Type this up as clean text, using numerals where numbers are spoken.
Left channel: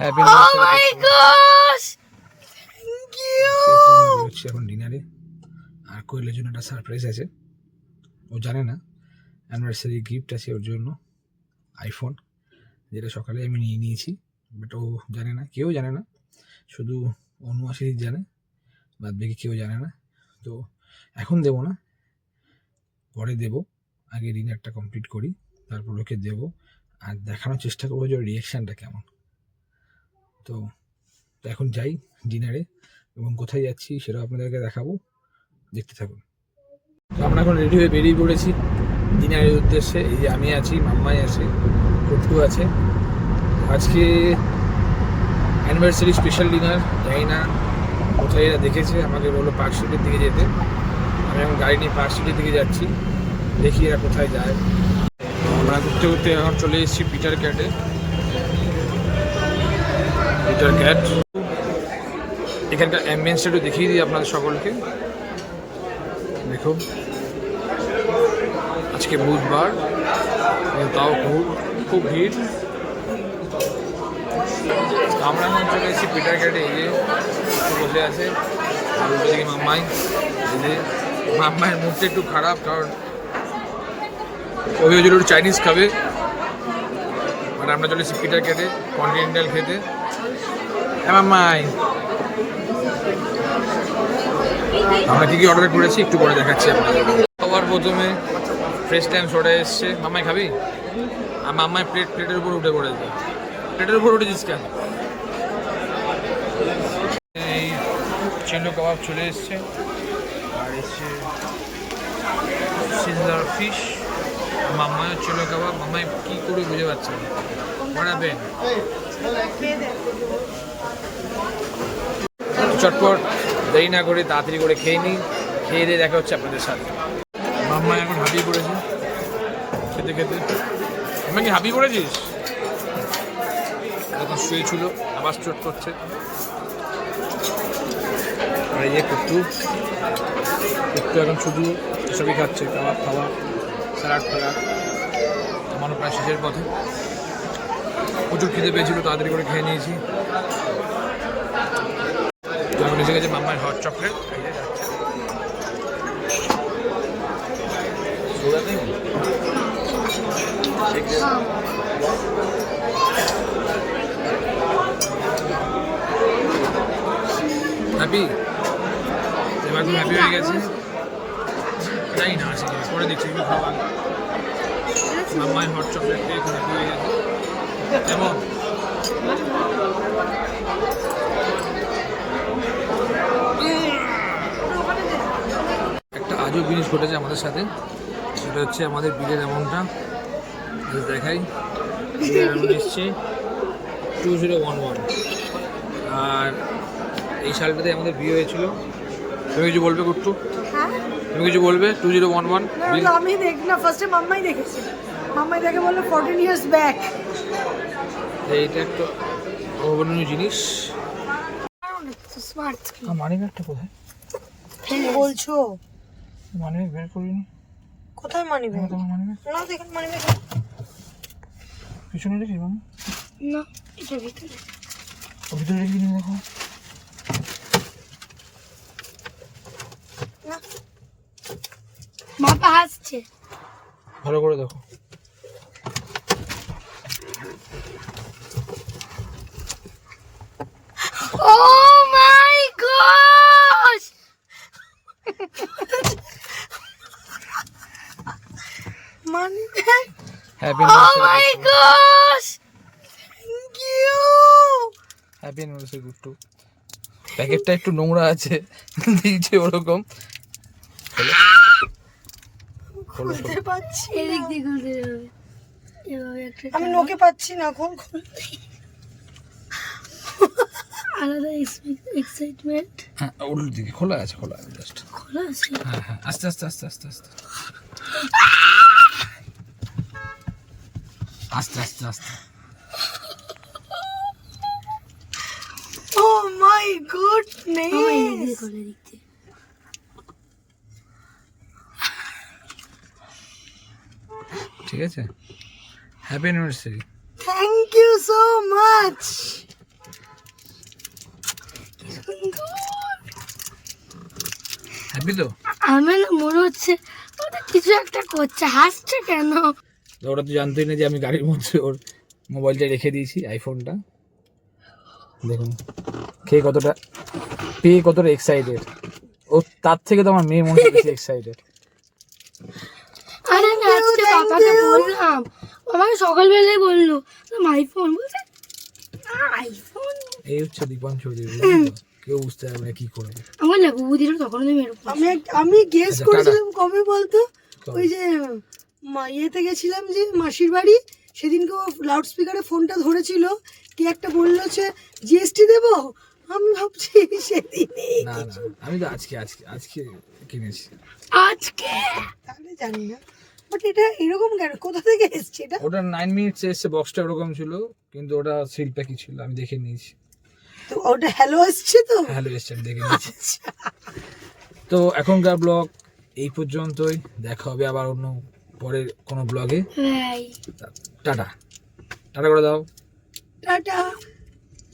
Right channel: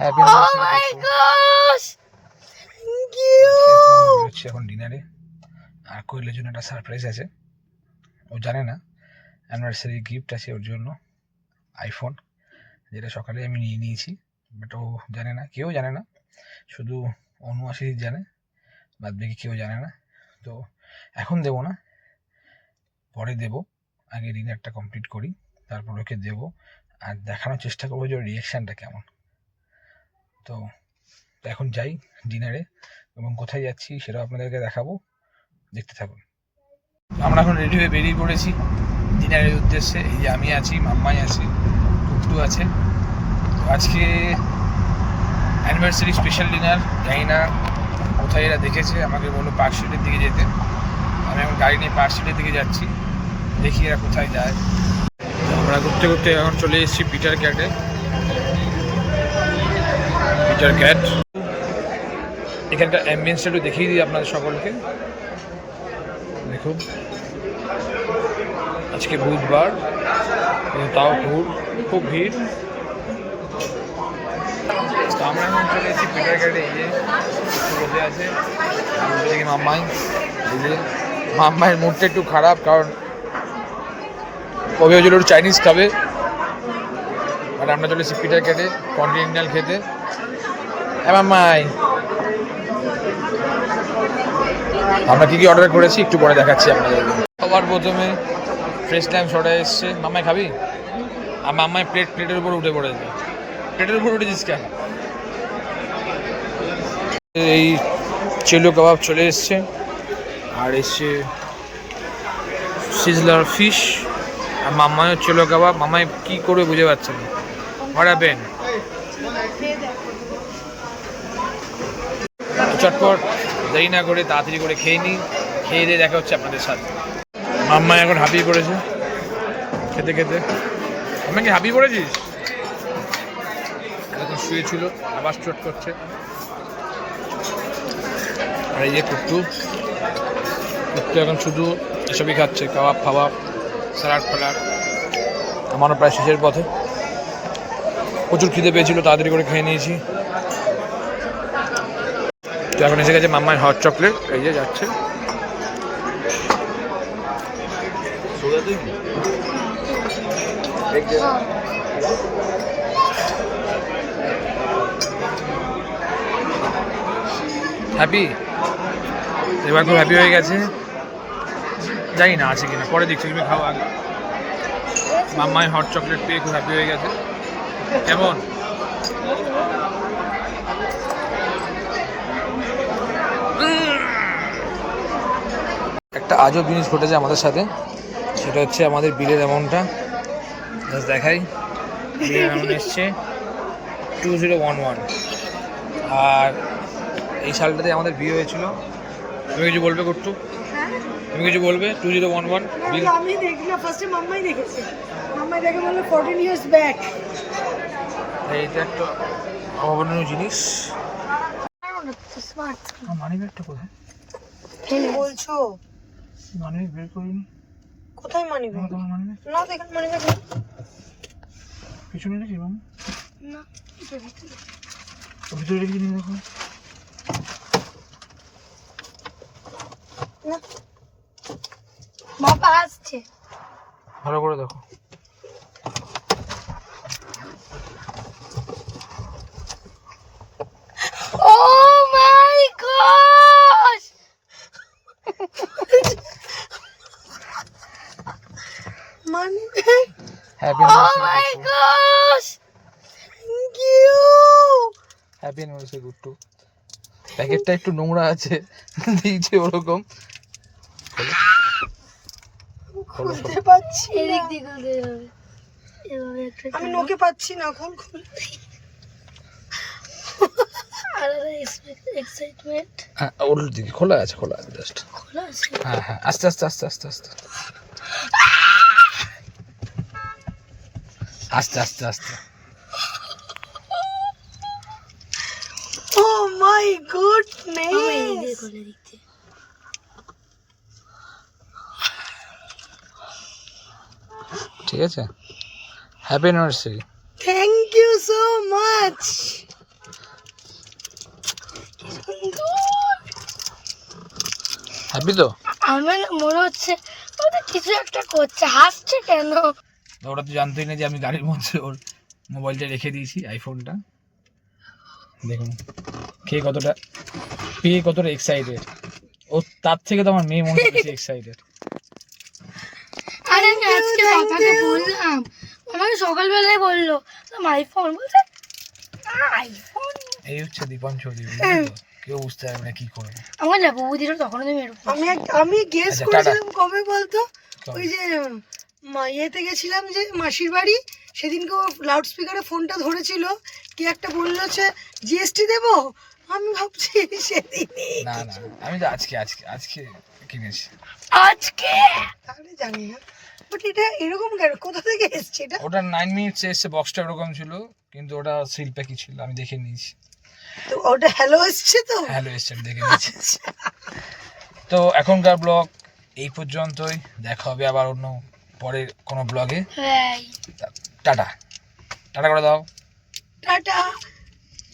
Happy anniversary thank you. এখন ডিনারে আর কোয়েলের জন্য একটা সারপ্রাইজ আছে, ও জানে না অ্যানিভার্সারি গিফট আছে ওর জন্য আইফোন, যেটা সকালে আমি নিয়ে নিয়েছি, বাট ও জানে না, কেউ জানে না, শুধু অনু আশিস জানে, বাদ বাকি কেউ জানে না। তো এখন দেবো না, পরে দেবো, আগে ডিনারটা কমপ্লিট করি তারপর ওকে দেবো, আর দেখানোর চেষ্টা করবো যে ওর রিয়াকশানটা কেমন। তো এখন যাই ডিনারে, এবং কোথায় যাচ্ছি সেটাও আপনাদেরকে দেখাবো, দেখতে থাকুন। আমরা এখন রেডি হয়ে বেরিয়ে পড়েছি ডিনারের উদ্দেশ্যে। এই যে আমি আছি, মাম্মাই আছে, কুট্টু আছে। আজকে অ্যানিভার্সারি স্পেশাল ডিনার, জানি না কোথায় এরা দেখেছে, আমাকে বললো পার্ক স্ট্রিটের দিকে যেতে, আমি এখন গাড়ি নিয়ে পার্ক স্ট্রিটের দিকে যাচ্ছি, দেখি এরা কোথায় যায়। তো আমরা ঘুরতে ঘুরতে এখন চলে এসেছি পিটার ক্যাটে। পিটার ক্যাট, এখানকার অ্যাম্বিয়েন্সটা একটু দেখিয়ে দিই আপনাদের সকলকে। দেখুন আজকে বুধবার, তাও খুব ভিড়। আমরা এখন চলে এসেছি পিটার ক্যাটে। এই যে একটু বসে আছে, উল্টো দিকে মাম্মাই। এই যে মাম্মাইয়ের মুডটা একটু খারাপ, কারণ কবে হয়েছিল একটু চাইনিজ খাবে, বাট আমরা চলে এসেছি পিটার ক্যাটে কন্টিনেন্টাল খেতে। হ্যাঁ মাম্মাই, আমরা কি অর্ডার করেছি একটু পরে দেখাচ্ছি আপনাদের। সবার প্রথমে ফ্রেশ টাইম সোডা এসছে। মাম্মাই খাবি? আর মাম্মাই প্লেটের উপর উঠে পড়েছে। প্লেটের উপর উঠেছিস কেন? এই চেলো কাবাব চলে এসছে, আর এসছে সিজলার ফিশ, আর মাম্মাইও চেলো কাবাব। মাম্মাই কি করে বুঝে পাচ্ছে না, বাড়াবেন চটপট দেরি না করে তাড়াতাড়ি করে খেয়ে নিই, খেয়ে দিয়ে দেখা হচ্ছে আপনাদের সাথে। মাম্মাই এখন হাঁপিয়ে পড়েছে খেতে খেতে। মাম্মা কি হাঁপিয়ে পড়েছিস? এখন শুয়েছিল, আবার চট করছে। আর এই যে কুট্টু এখন শুধু এসবই খাচ্ছে, কাবাব ফাবাব, স্যালাড ফ্যালাড। আমারও প্রায় শেষের পথে, প্রচুর খিদে পেয়েছিল, তাড়াতাড়ি করে খেয়ে নিয়েছি। তো এখন এসে গেছে মাম্মার হট চকলেট, এই যে যাচ্ছে। হ্যাপি, এবার খুব হ্যাপি হয়ে গেছে, জানি না আছে কিনা, পরে দেখছি, তুমি খাও আগে। মাম্মাই হট চকলেট পেয়ে খুব হ্যাপি হয়ে গেছে। কেমন? একটা আজব জিনিস ঘটেছে আমাদের সাথে, সেটা হচ্ছে আমাদের বিলের অ্যামাউন্টটা দেখাই। বিলের অ্যামাউন্ট এসছে 2011, আর এই সালটাতে আমাদের বিয়ে হয়েছিল। তুমি কিছু বলবে কুট্টু? হ্যাঁ, তুমি কিছু বলবে? 2011 বিল। আমি দেখি না, ফার্স্টে মাম্মাই দেখেছে, মাম্মাই দেখে বললো 14 years ব্যাক। এইটা একটা অভাবনীয় জিনিস। স্মার্ট মানি ব্যাগটা কোথায়? বলছো মানি ব্যাগ বের করিনি। কোথায় মানি ব্যাগ? তোমার মানি ব্যাগ না, দেখুন মানি ব্যাগ পিছনে রেখে মামা, না, এটা ভিতরে। ভিতরে রেখে নিয়ে দেখো। না, বাবা আসছে, ভালো করে দেখো। Oh my gosh, money bag. Happy oh my anniversary gosh, thank you. Happy anniversary Guttu. প্যাকেটটা একটু নোংরা আছে, দিয়েছে ওরকম। খোলো খোলো খোলো। খুলতে পাচ্ছি, এদিক দিয়ে খুলতে হবে, এভাবে একটা আমি নোকে পাচ্ছি না এখন খুলতে। আলাদা এক্সাইটমেন্ট। হ্যাঁ ওর দিকে খোলা আছে, খোলা আছে জাস্ট। খোলা আছে? হ্যাঁ হ্যাঁ, আস্তে আস্তে আস্তে আস্তে আস্তে আস্তে আস্তে আস্তে। ও মাই গুডনেস, ঠিক আছে, happy anniversary. Thank you so much. সুন্দর। হ্যাপি তো? আমার না মনে হচ্ছে ওটা কিছু একটা করছে, হাসছে কেন? তো ওরা তো জানতেই না যে আমি গাড়ির মধ্যে ওর মোবাইলটা রেখে দিয়েছি, আইফোনটা। দেখুন পেয়ে কতটা এক্সাইটেড। ও তার থেকে তো আমার মেয়ে মনে হয় বেশি এক্সাইটেড। আরে আমি আজকে বাবাকে বললাম, বাবাকে সকালবেলায় বললো আইফোন, বলছে আইফোন। এই হচ্ছে দীপন চৌধুরী, বুঝলি তো? কেউ বুঝতে পারবে না কি করবে। আমার না বৌদিরও তখন তুমি আমি গেস আচ্ছা, করেছিলাম কবে বলতো, কবে? ওই যে ইয়েতে গেছিলাম যে মাসির বাড়ি, সেদিনকে ও লাউড স্পিকারে ফোনটা ধরেছিল, কি একটা বললো যে জিএসটি দেবো, আমি ভাবছি সেদিনই। না না, আমি তো আজকে কিনেছি। আজকে তাহলে জানি না, বাট এটা এরকম কেন, কোথা থেকে এসছে এটা? ওটা 9 মিনিটস এসছে, বক্সটা ওরকম ছিল, কিন্তু ওটা সিল প্যাকই ছিল, আমি দেখে নিয়েছি। তো ওটা হ্যালো এসছে তো। হ্যালো এসছে, আমি দেখে নিয়েছি। তো এখনকার ব্লগ এই পর্যন্তই, দেখা হবে আবার অন্য পরের কোনো ব্লগে। ভাই টাটা টাটা করে দাও। টাটা।